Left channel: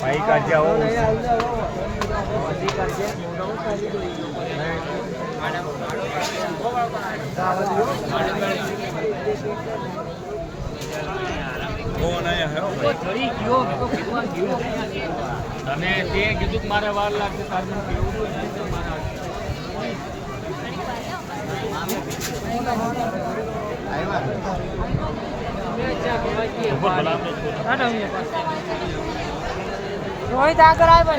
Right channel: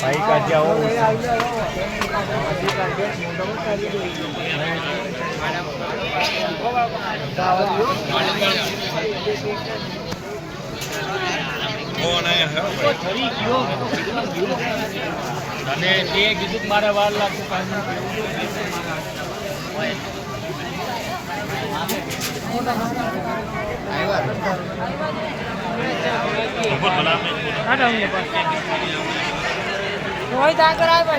ભાઈ કાઢ્યા હો અને તે કીધું મારે વાર લાગતું રોહિત આગળ આવે